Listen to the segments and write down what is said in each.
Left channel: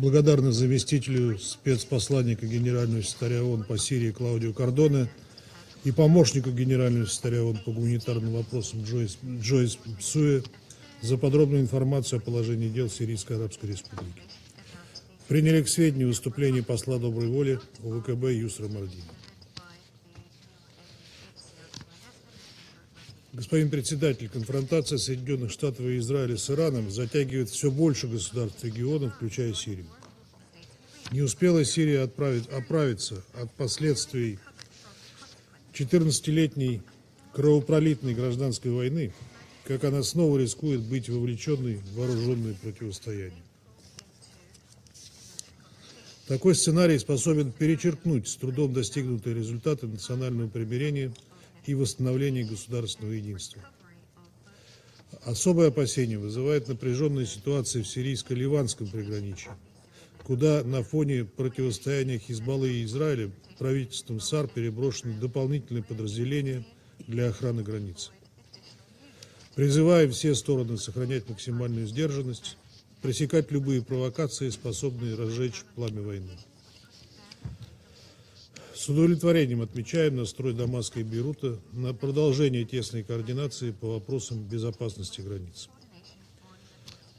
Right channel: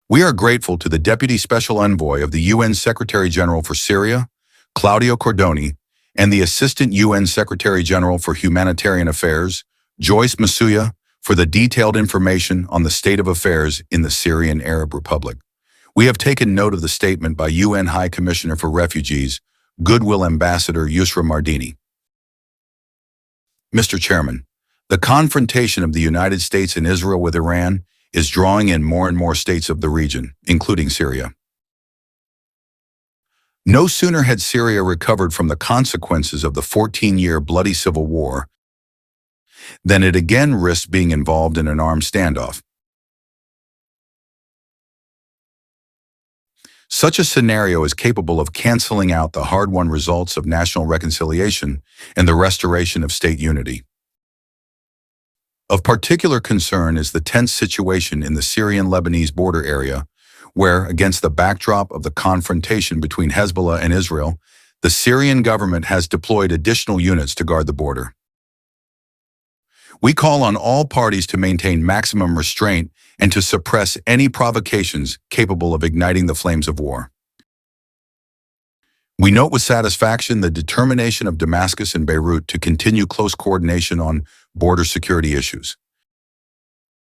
We are grateful to the Deputy Special Envoy of the UN Secretary-General for Syria, Claudio Cordoni, and the Assistant UN Secretary-General for Humanitarian Affairs, Joyce Masuya, for the detailed information on the state of affairs in the Syrian Arab Republic. We have taken note of the statement by UN High Commissioner for Refugees, Goodwill Ambassador Yusra Mardini. Mr. Chairman, the confrontation of the United States and Israel with Iran is drawing in more and more states of the region, including Syria. No sooner had Syria recovered from the consequences of the 14-year bloody civil war than it again risked being involved in an armed standoff. Such a scenario is capable of canceling out the hard-won results of national reconciliation and the restoration of state unity. Of particular concern is the tense situation in the Syrian-Lebanese border area, where, against the backdrop of the confrontation between Hezbollah and Israel, the Syrian government has deployed additional units to guard the border. We call on all parties to maintain maximum restraint and to suppress any provocations capable of igniting the flames of war. We note with satisfaction the determination of Damascus and Beirut to continue close coordination on border security issues.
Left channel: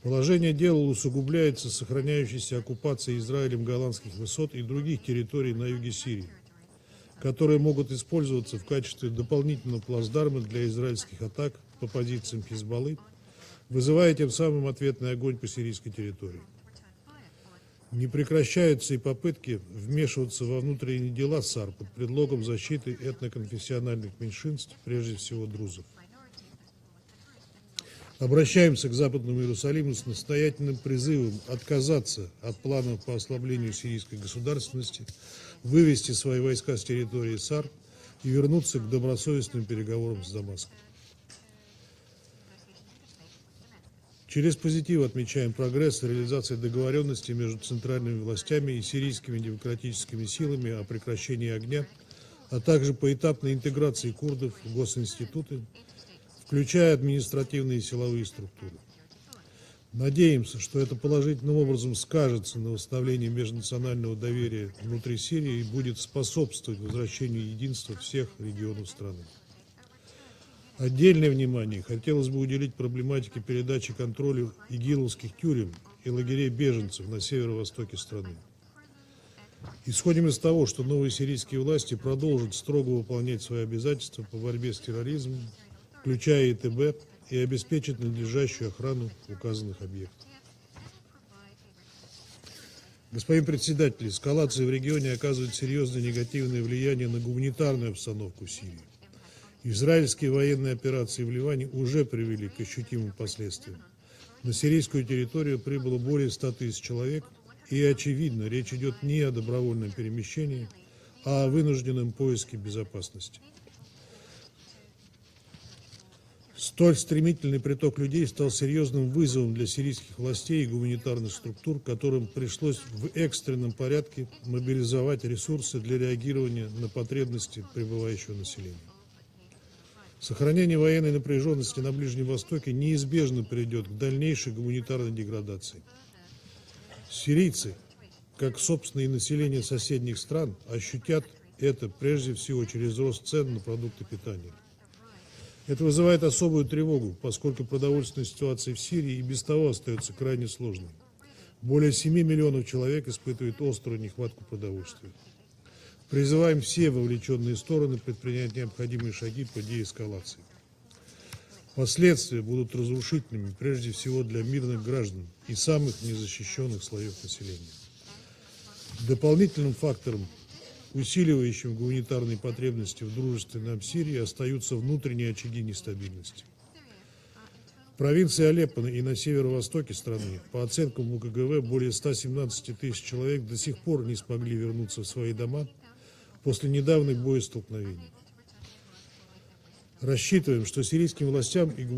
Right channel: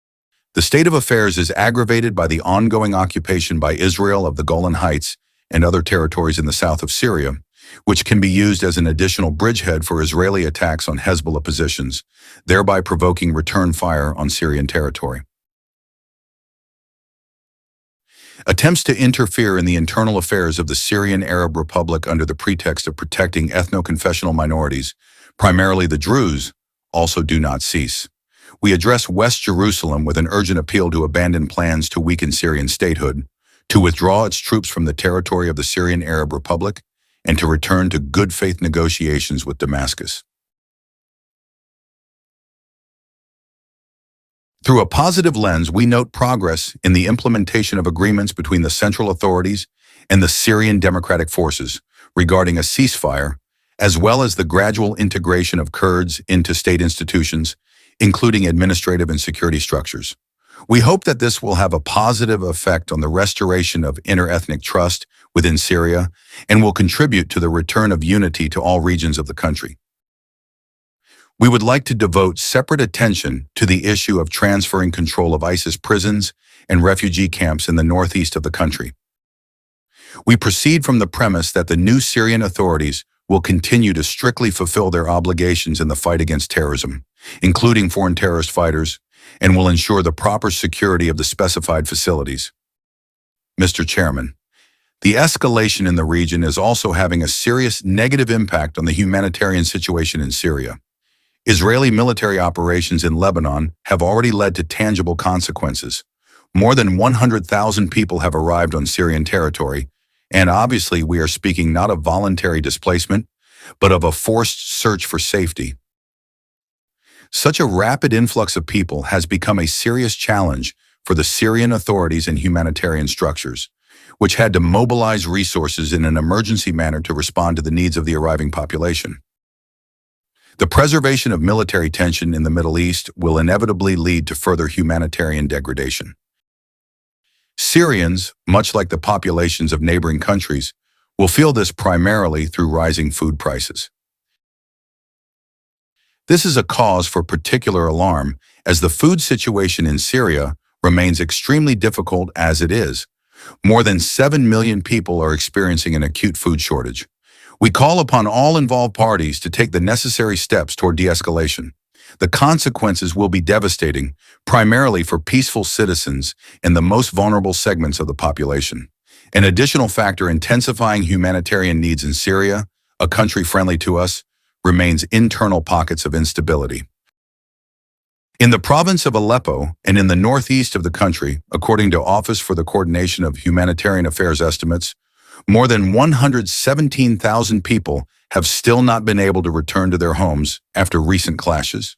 The state of affairs is aggravated by the ongoing occupation by Israel of the Golan Heights and other territories in the south of Syria, which can be used as an additional bridgehead for Israeli attacks on Hezbollah positions, thereby provoking return fire on Syrian territory. Attempts to interfere in the internal affairs of the Syrian Arab Republic under the pretext of protecting ethno-confessional minorities, primarily the Druze, also do not cease. We address West Jerusalem with an urgent appeal to abandon plans to weaken Syrian statehood, to withdraw its troops from the territory of the Syrian Arab Republic, and to return to good faith negotiations with Damascus. Through a positive lens, we note progress in the implementation of agreements between the central authorities and the Syrian Democratic Forces regarding a ceasefire, as well as the gradual integration of Kurds into state institutions, including administrative and security structures. We hope that this will have a positive effect on the restoration of inter-ethnic trust within Syria and will contribute to the return of unity to all regions of the country. We would like to devote separate attention to the issue of transferring control of ISIS prisons and refugee camps in the northeast of the country. We proceed from the premise that the new Syrian authorities will continue to strictly fulfill their obligations in the fight against terrorism, including foreign terrorist fighters, and will ensure the proper security of the specified facilities. Mr. Chairman, the escalation in the region is also having a serious negative impact on the humanitarian situation in Syria. Israeli military operations in Lebanon have already led to tangible consequences. More than 100,000 people have arrived on Syrian territory, and obviously we are speaking not of voluntary displacement, but of a forced search for safety. Such a rapid influx of people has become a serious challenge for the Syrian authorities and humanitarian structures, which had to mobilize resources in an emergency manner to respond to the needs of the arriving population. The preservation of military tension in the Middle East will inevitably lead to further humanitarian degradation. Syrians, much like the populations of neighboring countries, will feel this primarily through rising food prices. This is a cause for particular alarm, as the food situation in Syria remains extremely difficult as it is. More than 7 million people are experiencing an acute food shortage. We call upon all involved parties to take the necessary steps toward de-escalation. The consequences will be devastating, primarily for peaceful citizens and the most vulnerable segments of the population. An additional factor intensifying humanitarian needs in Syria, a country friendly to us, remains internal pockets of instability. In the province of Aleppo and in the northeast of the country, according to Office for the Coordination of Humanitarian Affairs estimates, more than 117,000 people have still not been able to return to their homes after recent clashes.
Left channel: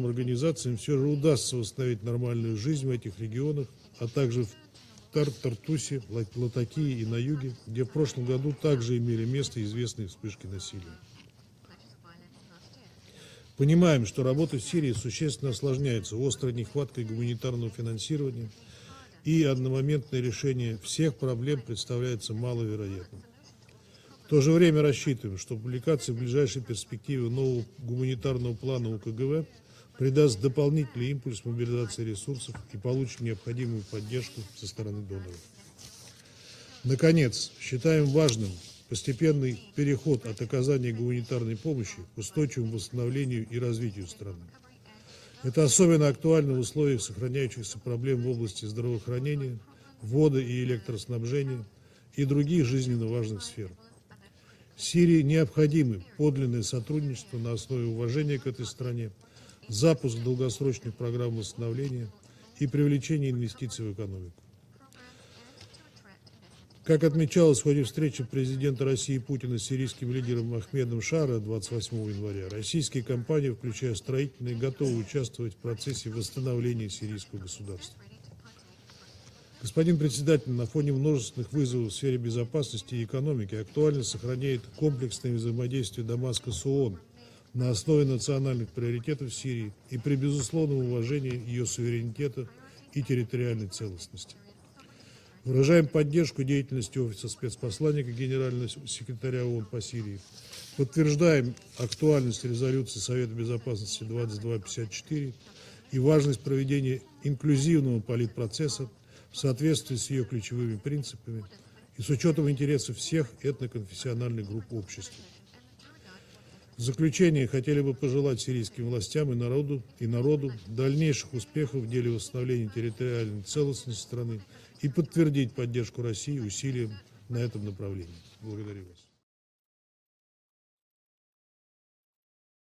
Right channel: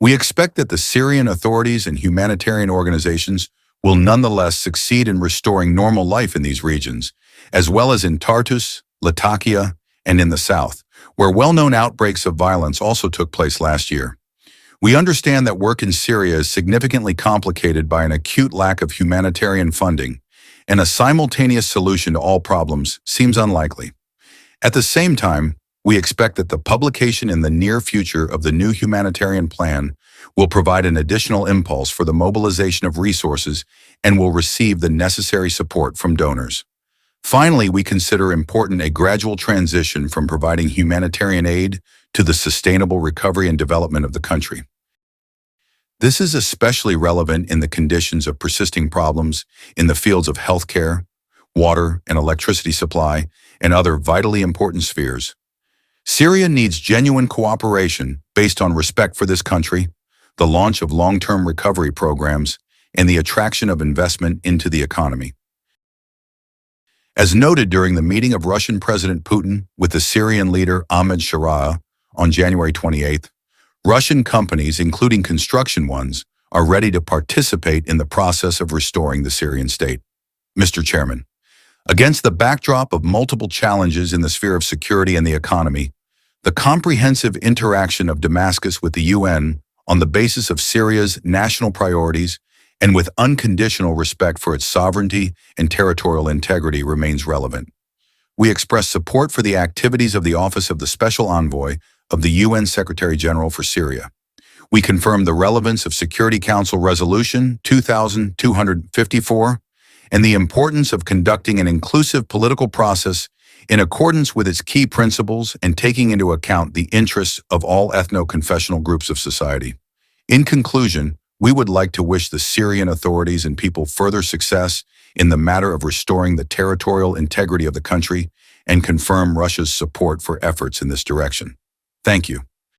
We expect that the Syrian authorities and humanitarian organizations will nonetheless succeed in restoring normal life in these regions, as well as in Tartus, Latakia, and in the south, where well-known outbreaks of violence also took place last year. We understand that work in Syria is significantly complicated by an acute lack of humanitarian funding, and a simultaneous solution to all problems seems unlikely. At the same time, we expect that the publication in the near future of the new humanitarian plan will provide an additional impulse for the mobilization of resources and will receive the necessary support from donors. Finally, we consider important a gradual transition from providing humanitarian aid to the sustainable recovery and development of the country. This is especially relevant in the conditions of persisting problems in the fields of healthcare, water and electricity supply, and other vitally important spheres. Syria needs genuine cooperation based on respect for this country, the launch of long-term recovery programs, and the attraction of investment into the economy. As noted during the meeting of Russian President Putin with the Syrian leader Ahmed Sharaa on January 28th, Russian companies, including construction ones, are ready to participate in the process of restoring the Syrian state. Mr. Chairman, against the backdrop of multiple challenges in the sphere of security and the economy, the comprehensive interaction of Damascus with the UN on the basis of Syria's national priorities and with unconditional respect for its sovereignty and territorial integrity remains relevant. We express support for the activities of the Office of the Special Envoy of the UN Secretary-General for Syria. We confirm the relevance of Security Council Resolution 2254 and the importance of conducting an inclusive political process in accordance with its key principles and taking into account the interests of all ethno-confessional groups of society. In conclusion, we would like to wish the Syrian authorities and people further success in the matter of restoring the territorial integrity of the country and confirm Russia's support for efforts in this direction. Thank you.